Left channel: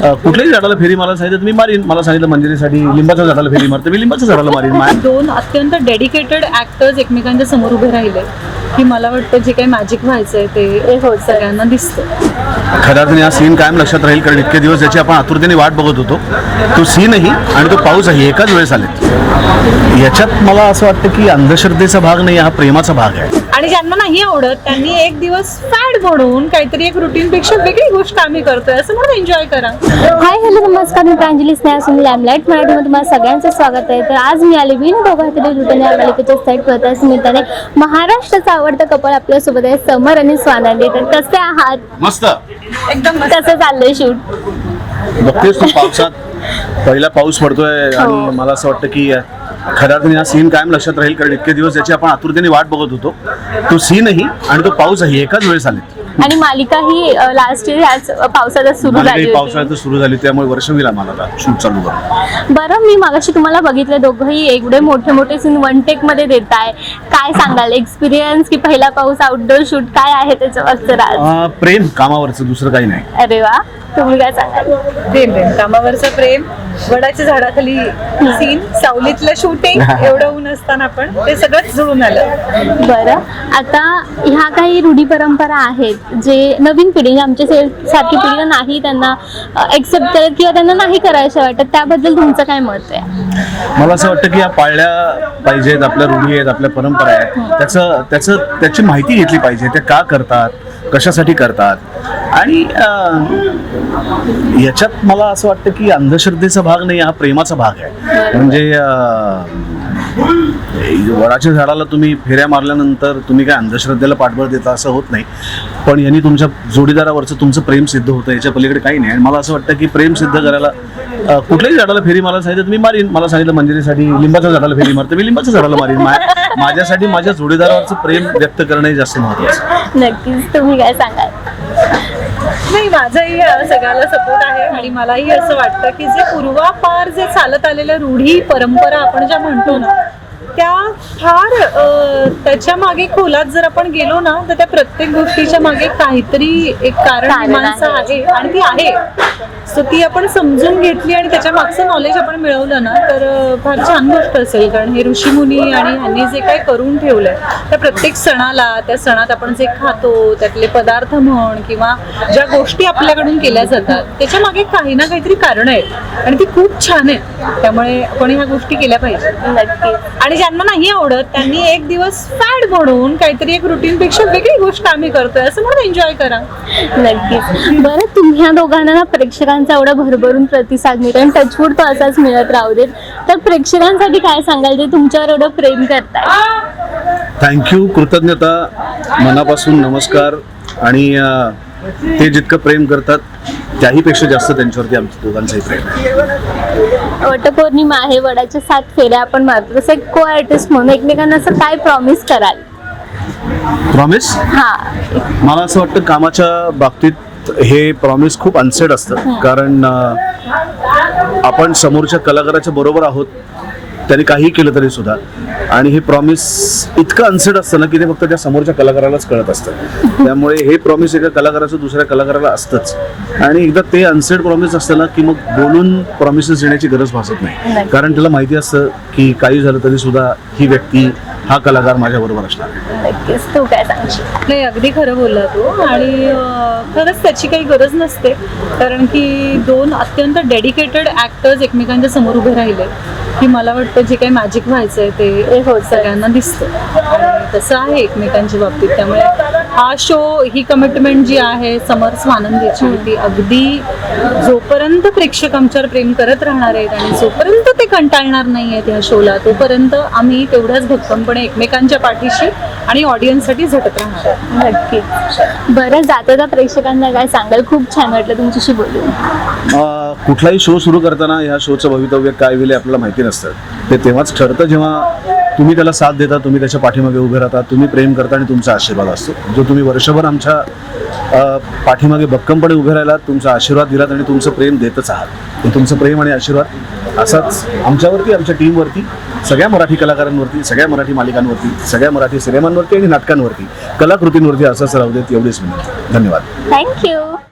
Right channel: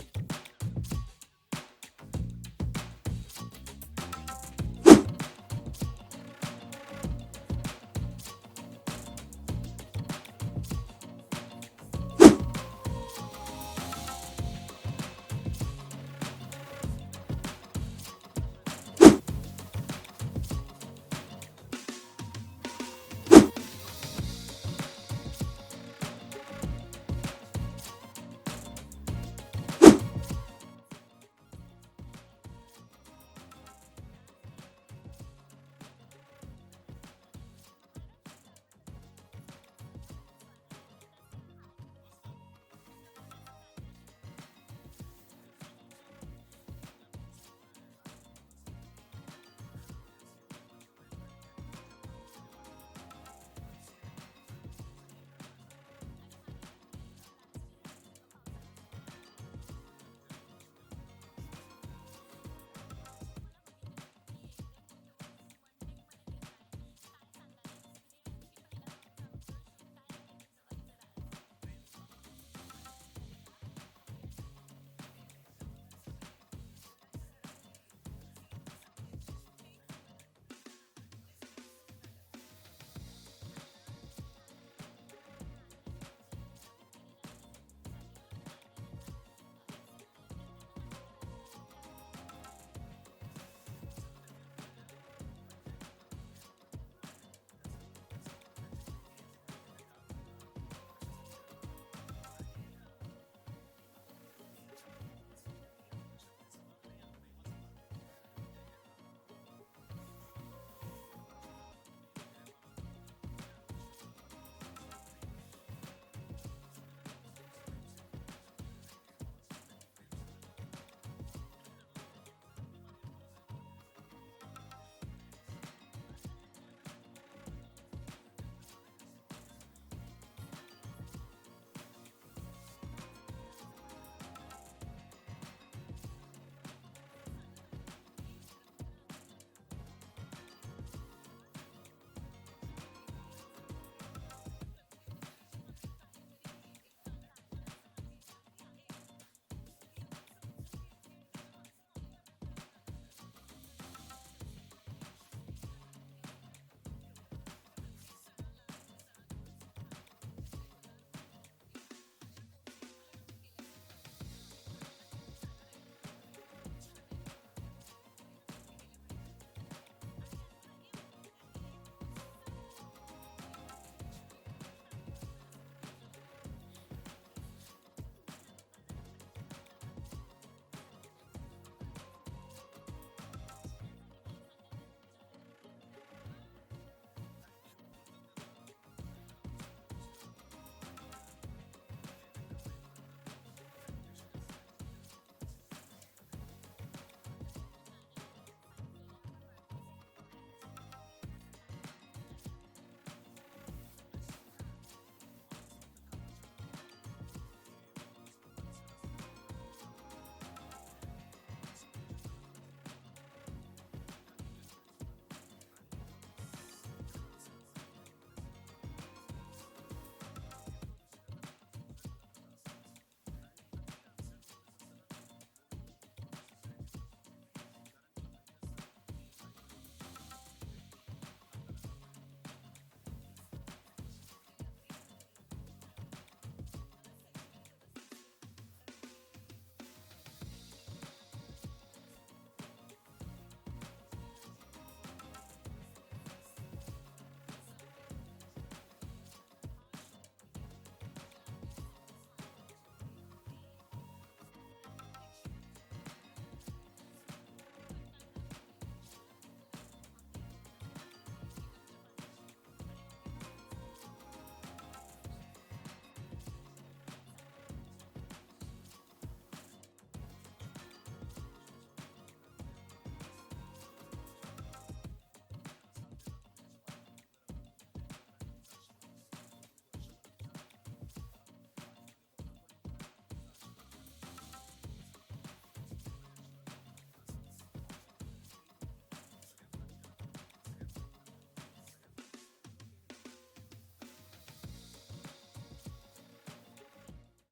कुठल्याही झाडाला फेरी मारायला सांगितलं मी मारीन. मला सांगितलं मंजिरीसाठी लिंबाच्या झाडाला फेरी मारते, मी लिंबाच्या झाडाला मारीन. दोन अत्यंत डेडिकेटेड ऍक्टर्स एकमेकांच्या समोर उभे राहिले की मला वाटतं जे काही मॅजिक व्हायचंय ते सगळ्यांना दिसतं. खऱ्या अर्थाने हा सीन कायम लक्षात राहील, कारण इतके दिवस याची आपण आतुरतेने वाट बघत होतो. तो सीनही आणि तो पाऊसही एकाच वेळेस आले. याच्यात मला असं वाटतं की अंधश्रद्धेचा भाग नाही, हा प्रेमाचा भाग आहे. आणि ज्यांना नाही आवडत त्यांनी एक दिवस फॅड म्हणून काहीतरी एक रुटीन पेक्षा वेगळी गोष्ट आम्ही करतोय असं म्हणून एन्जॉय करा. हाय हॅलो नमस्कार, मी प्रांजली स्नेहा सुनील लॅमलाईट मराठीमध्ये तुम्हाला सगळ्यांचं स्वागत आहे. तर आज मी आले विन दोघातले रुटीन या मालिकेच्या सेट प्रथास निमित्ताने महाराष्ट्राचं आवडतं कपल आपल्यासोबत आहे, समर आणि स्वानंदी. तर कसे आहात? मस्त एकदम कसं चाललंय शूट? बघतेस तू पावसात पहिला पाऊस पडतोय आणि मला असं वाटतं की खऱ्या अर्थाने हा सीन कायम लक्षात राहील, कारण इतके दिवस याची आपण आतुरतेने वाट बघत होतो. तो सीनही आणि तो पाऊसही एकाच वेळेस आले. आणि मालिका ही लास्ट इयर ह्याच पावसाळ्यात सुरू झाली होती. पावसाळ्यात सुरू झाली, त्यामुळे वर्ष होईल आम्हाला शूट चालू करून. बरं, मी मागाशी तुम्हाला बघितलं दोघंही एवढे मोठे मोठे सीन वन टेक मध्ये देताय. काय सांगाल एक्सपिरियन्स की पहिला पाऊस आउटडोर शूट काय आहे त्याच्यावरचं राज? प्रेम कामावरचं, दुसरं काही नाही. अरे वा, तुम्ही काय सांगाल? प्रेम कामावरचं प्रेम, वडाच्या झाडाखाली सीन, सावलीतलं शूटिंग, एवढं ऊन असताना पण ते सगळंच जुळून आलं. बरं, आता ह्या काही रूढी परंपरा आहेत जे नवीन पिढी आमच्या सारखी पिढीला नाही त्यांना एक्सेप्ट करत किंवा त्यांना नाही करायचं वाटत, त्याबद्दल तुमचं काय मत आहे? मला असं वाटतं की या पाळल्या पाहिजेत, आपल्या रूढी आहेत, आपल्या परंपरा आहेत, त्याची माहिती घेतली पाहिजे. ते का करतात, कशासाठी करतात. आणि याच्यात मला असं वाटतं की अंधश्रद्धेचा भाग नाही, हा प्रेमाचा भाग आहे. म्हणजे वडाच्या झाडाला तुम्ही फेऱ्या मारल्यानंतर तुम्ही काय अंधश्रद्धेला पाठबळ देता असं होत नाही, पण यांनी तुमच्या जोडीदारावरचं तुमचं प्रेम सिद्ध होतं, याच्या पलीकडे काही नाही. आणि मला असं वाटतं की प्रेम सिद्ध करायला कुठल्याही झाडाला फेरी मारायला सांगितलं मी मारीन. मला सांगितलं मंजिरीसाठी लिंबाच्या झाडाला फेरी मारते, मी लिंबाच्या झाडाला मारीन. माझ्यासाठी माझ्या जोडीदारावरचं प्रेम व्यक्त करणं हे जास्त महत्त्वाचं. नक्कीच, तुम्ही काय सांगाल? नाही, माझाही सगळ्याला सपोर्ट आहे. आणि मलाही असं वाटतं की जे पूर्वापार जे चालत आलेल्या रूढी परंपरा आपण ज्या म्हणतो ना, त्या फार त्याच्या मागे खोलात जर आपण गेलो ना तर त्या प्रत्येक गोष्टीच्या मागे काहीतरी एक कारण मीमांसा आहे आणि ती आहे. सो ती आपण समजून घेतली आणि त्याच्या मागचं नॉलेज आपण मिळवलं ना तर फार छान गोष्ट असेल. कारण हे ऋषीमुनी आणि ह्यांनी जे काही करून ठेवलंय त्या प्रत्येक सणाला, त्या सणात आपण जे खातो त्यातले पदार्थ म्हण किंवा ज्या गोष्टी आपल्याकडून केल्या जातात त्याच्या मागे काही ना काहीतरी कारण आहेत आणि ती खूप छान आहे. त्यामुळे आपण ह्या गोष्टी केल्या पाहिजे. नक्कीच. आणि ज्यांना नाही आवडत त्यांनी एक दिवस फॅड म्हणून काहीतरी एक रुटीन पेक्षा वेगळी गोष्ट आम्ही करतोय असं म्हणून एन्जॉय करा. नक्कीच. बरं, तुम्ही दोघांना ना प्रेक्षकांचा एवढा भरभरून प्रतिसाद मिळतो आणि टचवूड तो असाच मिळत राहू देत. तर प्रेक्षकांसाठी काय सांगाल ते तुमच्यावर एवढं प्रेम करतात? थँक्यू, कृतज्ञता, मनापासून नमस्कार. आणि ते जितकं प्रेम करतात त्याहीपेक्षा जास्त त्यांच्यावरती आमच्या दोघांचंही प्रेम आहे. वटपौर्णिमा आहे, वडाच्या 7 फेऱ्या आपण मारतो, तसं एक को आर्टिस्ट म्हणून एकमेकांना असं काय प्रॉमिस कराल? प्रॉमिस? हा, मला असं वाटतं कामाच्या बाबतीत हे प्रॉमिस खूप अनसेड असतं, कारण आपण समोरच्या कलाकाराच्या बरोबर आहोत त्यांनी काही केलं तरी सुद्धा. आणि हे प्रॉमिस इतकं अनसेड असतं ना की ते फक्त त्या समोरच्या कलाकारालाच कळत असतं. त्यामुळे हे प्रॉमिस एका कलाकाराचं दुसऱ्या कलाकाराला असतंच. आणि एकदा ते अनसेड प्रॉमिस असतं ना की मग बोलून प्रॉमिसेस देण्याची गरज भासत नाही, कारण त्याला माहिती असतं की काही झालं तरी सुद्धा ही व्यक्ती, हा कलाकार माझ्या बरोबर असणार. नक्कीच. तू काय सांगशील? नाही, अगदी खरं बोलला तू. आणि खरंच त्याची काही गरज नसते, कारण की दोन अत्यंत डेडिकेटेड ऍक्टर्स एकमेकांच्या समोर उभे राहिले की मला वाटतं जे काही मॅजिक व्हायचंय ते सगळ्यांना दिसतं. आणि तसं आहे एकमेकांच्या बाबतीत. त्यामुळे हा शो, ही कमिटमेंट जी आहे समर स्वानंदीची, ती अगदी जोपर्यंत प्रेक्षक आमच्यावर प्रेम करत राहणार आहेत आणि जोपर्यंत ते कंटाळणार नाही आहेत ह्या शोला, तोपर्यंत आम्ही तेवढ्याच भक्कमपणे एकमेकांच्या पाठीशी आणि ऑडियन्ससाठी झटत राहणार आहे. नक्कीच. बरं, जाता प्रेक्षकांना काय सांगाल? खूप छान वाटलं तुमच्याशी बोलून. कुठलाही शो सुरू करताना या शोचं भवितव्य काय होईल आपल्याला माहिती नसतं. ते तेव्हाच ठरतं जेव्हा तुम्ही त्याला साथ देता, तुम्ही त्याच्या पाठीमागे उभे राहता, तुम्ही प्रेम करता आणि तुमचा आशीर्वाद असतो. जो तुम्ही वर्षभर आमच्या पाठीमागे भक्कमपणे उभे राहिलात, तुमचा आशीर्वाद दिलात आणि तुमचं प्रेम देतच आहात. तुमचं प्रेम आणि आशीर्वाद असाच आमच्यावरती, आमच्या टीमवरती, सगळ्या मराठी कलाकारांवरती, सगळ्या मराठी मालिकांवरती, सगळ्या मराठी सिनेमांवरती आणि नाटकांवरती, कलाकृतींवरती असंच राहू देत, एवढीच विनंती. धन्यवाद. थँक्यू.